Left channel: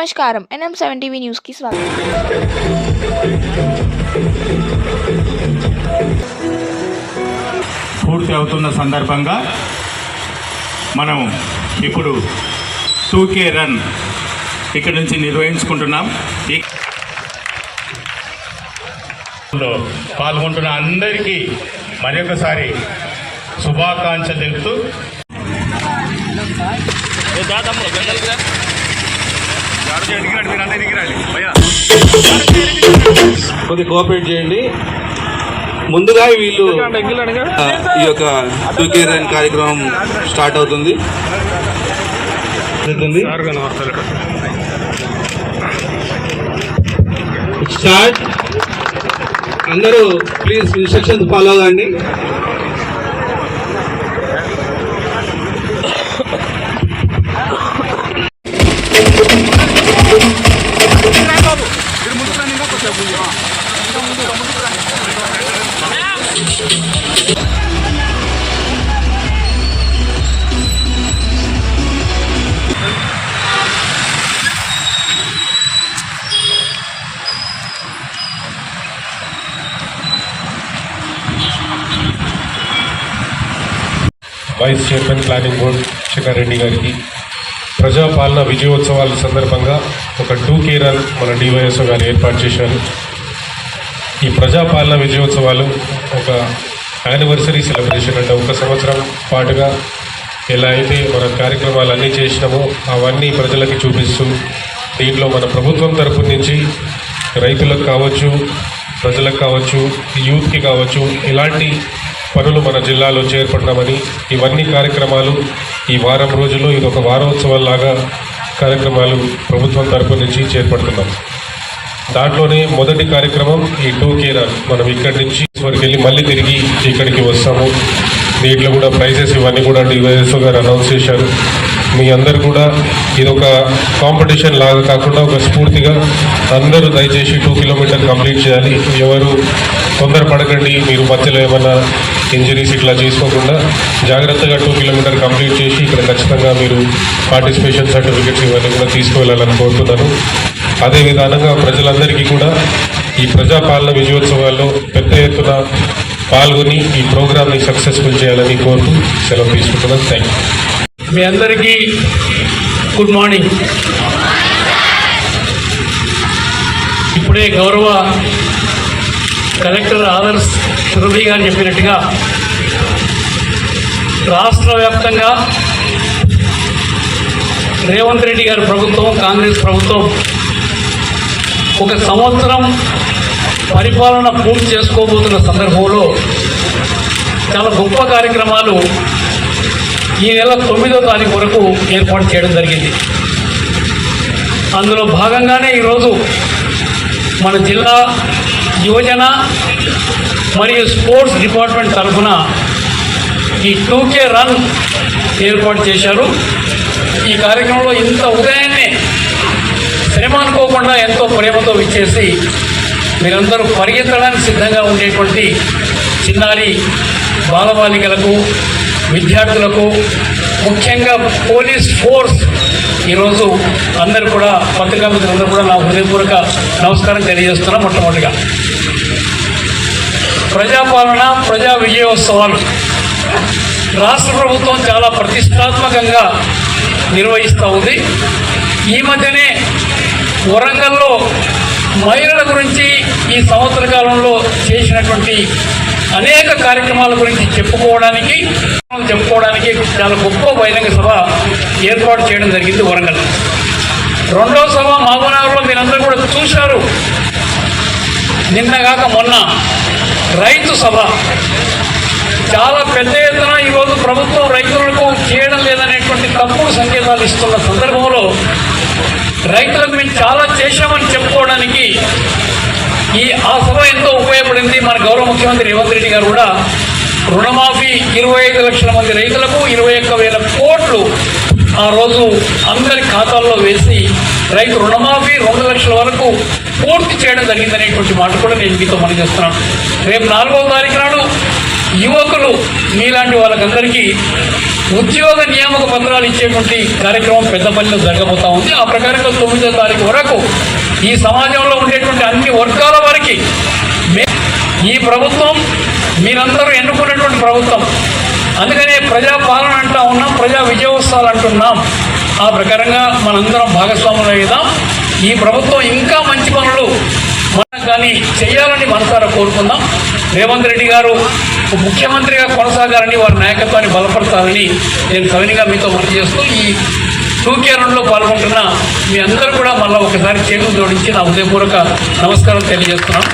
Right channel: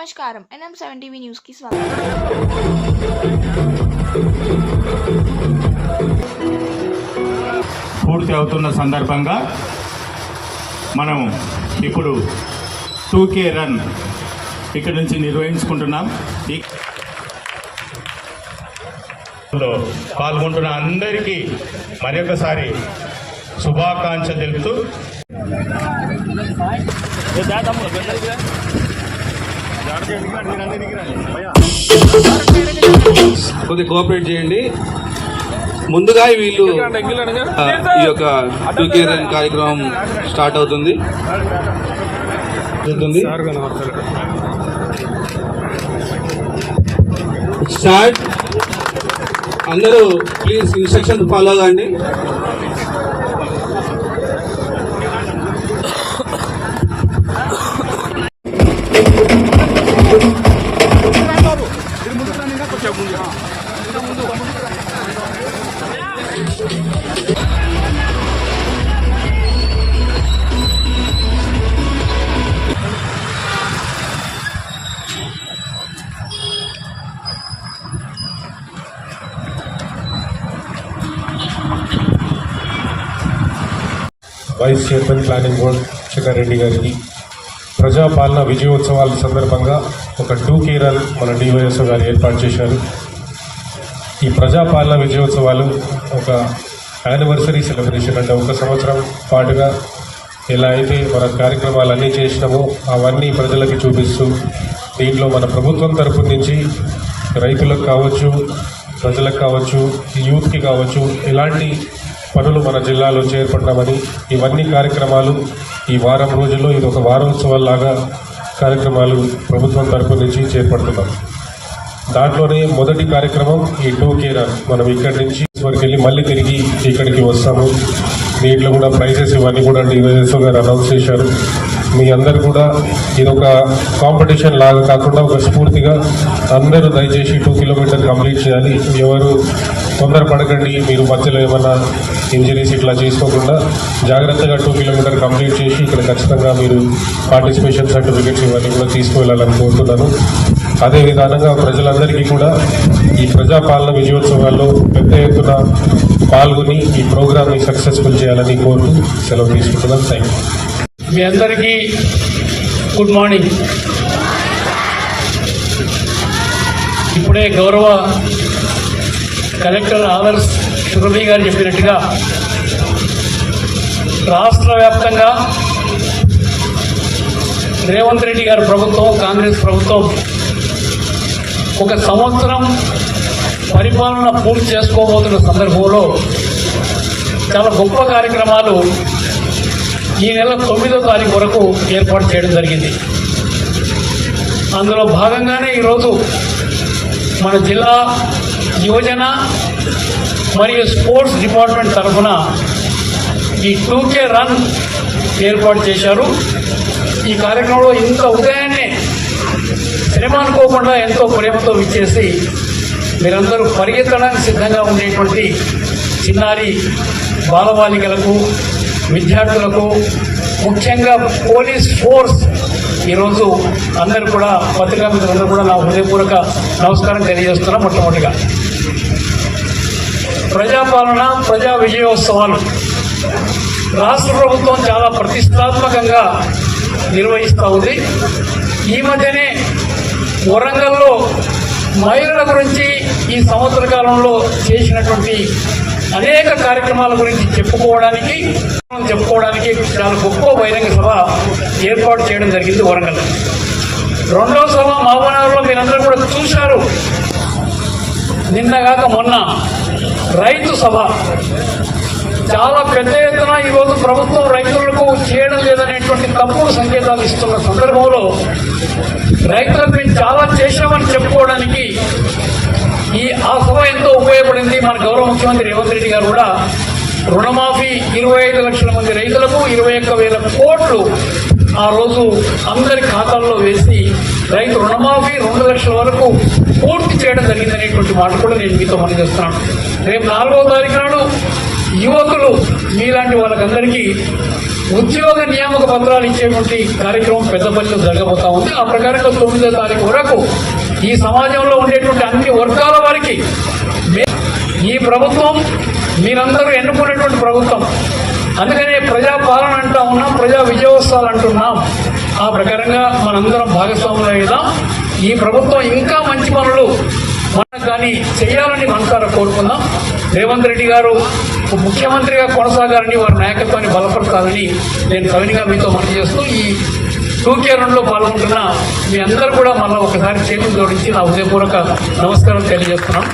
నమస్కారం. NM7 TV న్యూస్కి స్వాగతం. పూర్తి అవుతున్న సందర్భంగా మనం ఇప్పుడు 2K రన్ ఇక్కడ నుంచి నిర్వహించుకుంటున్నాం. పాల్గొంటున్న అందరికీ మరొకసారి శుభాకాంక్షలు తెలుపుతూ కొద్దిగా కోఆపరేట్ చేయండి. ముందుగా వీళ్ళు ఈ యొక్క 2K రన్ కార్యక్రమం స్టార్ట్ అవుతుంది. స్టార్ట్. అందరూ ప్లీజ్ ఇన్స్ట్రక్షన్స్ ఫాలో కాండి. Vice chairman planning board Shekhar గారికి ప్రజాపాలన విజయోత్సవాల సందర్భంగా ఒక 2K రన్ మన డివైఎస్ఓ గారు ఏర్పాటు చేశారు. ఈ ప్రజాపాలన విజయోత్సవాలు ఒక యానివర్సరీ సెలబ్రేషన్ అంటే ఒక సంవత్సరం పాటుగా ఎలా అయితే మన కార్యక్రమాలు అన్నీ చేసినామో అవన్నీ ప్రజలకి చూపిస్తూ దీంట్లో మన ప్రభుత్వం తరపు నుంచి రైతులకు కావచ్చు, ప్రజలకు కావచ్చు, యూత్కి కావచ్చు ఇలాంటి పనులు మన జిల్లాలో చేపట్టామని ఇవన్నీ కార్యక్రమాలు ఈ వారం రోజుల్లో ఇది ఒక వారోత్సవాల్లాగా కార్యక్రమాలు ప్రభుత్వం తరపు నుంచి చేపడుతున్నాం. దాంట్లోనే మొదటి కార్యక్రమం ఈ 2K రన్. మనం ఇక్కడి నుంచి వరకు వెళ్ళి మళ్ళీ తిరిగి ఇక్కడికి వస్తాము. దీంట్లో కూడా ప్రైజెస్ ఇవన్నీ కూడా డివైఎస్ఓ గారు అనౌన్స్ చేశారు. మీ అందరు కూడా ఇది ఒక కాంపిటీషన్ లాగా కాకుండా ఒక స్ఫూర్తిగా అందరూ దయచేసి 2 కిలోమీటర్ కంప్లీట్ చేయాలి. ఎవరు తొందరపడకండి. మీరు మధ్యలో ఏమైనా ఇంజరీస్ ఇట్లా చేసుకోకుండా జాగ్రత్తగా 2 కిలోమీటర్ కంప్లీట్ చేసి ఇక్కడ ఖచ్చితంగా మీరు పార్టిసిపేషన్ సర్టిఫికెట్స్ ఇవన్నీ కూడా తీసుకువెళ్ళాలని కోరుతున్నాను. అదే విధానంగా ప్రజలందరికీ కూడా ఈ ప్రజాపాలన విజయోత్సవాల్లో పెద్ద ఎత్తున పాల్గొని ఈ ప్రోగ్రామ్ని సక్సెస్ఫుల్ చేయాలని కోరుతూ సెలవు తీసుకుంటున్నాను. Thank you. మీ అందరికీ గుడ్ మార్నింగ్. ఇప్పుడే గౌరవ కలెక్టర్ ఆదర్శ్ సురభి గారు చెప్పినట్టుగా రాష్ట్ర వ్యాప్తంగా రేవంత్ రెడ్డి గారి ప్రభుత్వం, కాంగ్రెస్ ప్రభుత్వం ఒక సంవత్సరం పరిపాలన పూర్తి చేసుకోబోతున్న సందర్భంలో చాలా గొప్ప కార్యక్రమాలు ఈ నెల 9వ తారీఖు వరకు ఏర్పాటు చేయడం జరిగింది. అందులో భాగంగానే ఈరోజు మన జిల్లా యువజన మరియు స్పోర్ట్స్ డిపార్ట్మెంట్ తరఫున ఈ 2K రన్ ఏర్పాటు చేశారు. ఈ కార్యక్రమంలో ఇంత ఉదయాన్నే శ్రమ అనుకోకుండా ఎంతో ప్రేమతో ఇచ్చేసి మీరందరూ పరిగెత్తడానికి సిద్ధంగా ఉండేటువంటి చిన్నారి బాలబాలికలకు, విద్యార్థులకు, ముఖ్యంగా పోలీస్ ఫోర్స్ ఈరోజు అందరూ కూడా పత్రికా మిత్రులు కూడా నా హృదయపూర్వక నమస్కారం తెలియజేస్తున్నాం. మొట్టమొదటిగా ప్రజాపాలన, ప్రజా విజయోత్సవాలు రాష్ట్ర ప్రభుత్వం చాలా ప్రతిష్టాత్మకంగా నిర్వహిస్తూ ఉంది. ఈ మధ్యనే వరంగల్లో మహిళల గురించి ఈ సంవత్సర కాలంలో చేసినటువంటి అనేక కార్యక్రమాల గురించి చెప్పుకోవడానికి చాలా గొప్ప బహిరంగ సభ ఏర్పాటు చేయడం జరిగింది వరంగల్. రెండవ సభ మహబూబ్నగర్లో మీరందరూ కూడా చూశారు. నిన్నగాక మొన్న రైతు సభ చాలా పెద్ద ఎత్తున ఈరోజు ప్రభుత్వం రైతులకు చేయడం లేదనేటువంటి తప్పుడు సంకేతాలు ఇస్తున్న సందర్భంలో రైతులకు మేము చాలా చేశామని చెప్పుకోవడానికి ఆ సభ ఎంతో ఉపయోగపడింది. మన గౌరవ ముఖ్యమంత్రి రేవంత్ రెడ్డి గారు కూడా రుణమాఫీ 25 లక్షల మంది రైతులకు 21,000 కోట్లు ఆ రోజు అందరి ఖాతాల్లో వేసి రైతు రుణమాఫీ 2 లక్షల వరకు పూర్తి చేయడం జరిగిందనేటువంటి మాట కూడా నేను మీతో మనం చేస్తున్నాను. రేపు 4వ తారీఖు నాడు యువకులు మీలాంటి వాళ్ళకందరికీ ఉద్యోగ నియామక పత్రాలు ఇచ్చేటువంటి కార్యక్రమం పెద్దపల్లిలో జరగబోతా ఉంది. ఆ ప్రకారంగా 9వ తారీఖు వరకు ఈ సమాజంలో ఉండేటువంటి అన్ని వర్గాల వారికి ఈ ప్రభుత్వం మీరందరూ ఎన్నుకునేటువంటి ప్రభుత్వం. అందుకనే ప్రజా పాలన అంటా ఉన్నాం, ప్రజా విజయోత్సవాలు అంటున్నాం. ఆ ప్రకారంగా మనందరం భాగస్వాములు అయ్యాం. ఈ ప్రభుత్వం ఇంకా మంచి పనులు కానీ చేయాలని మనసారా కోరుకుందాం. రేవంత్ రెడ్డి గారు ముఖ్యమంత్రిగా కొనసాగాలని, వారి నాయకత్వాన్ని బలపడతారని నేను సవినిగా మీతో గుర్తు చేస్తూ ఈ 2K రన్లో పాల్గొంటున్న మీ అందరూ కూడా మళ్ళీ ఒకసారి చేతులు జోడించి నా హృదయపూర్వక నమస్కారం తెలియజేస్తున్నాను.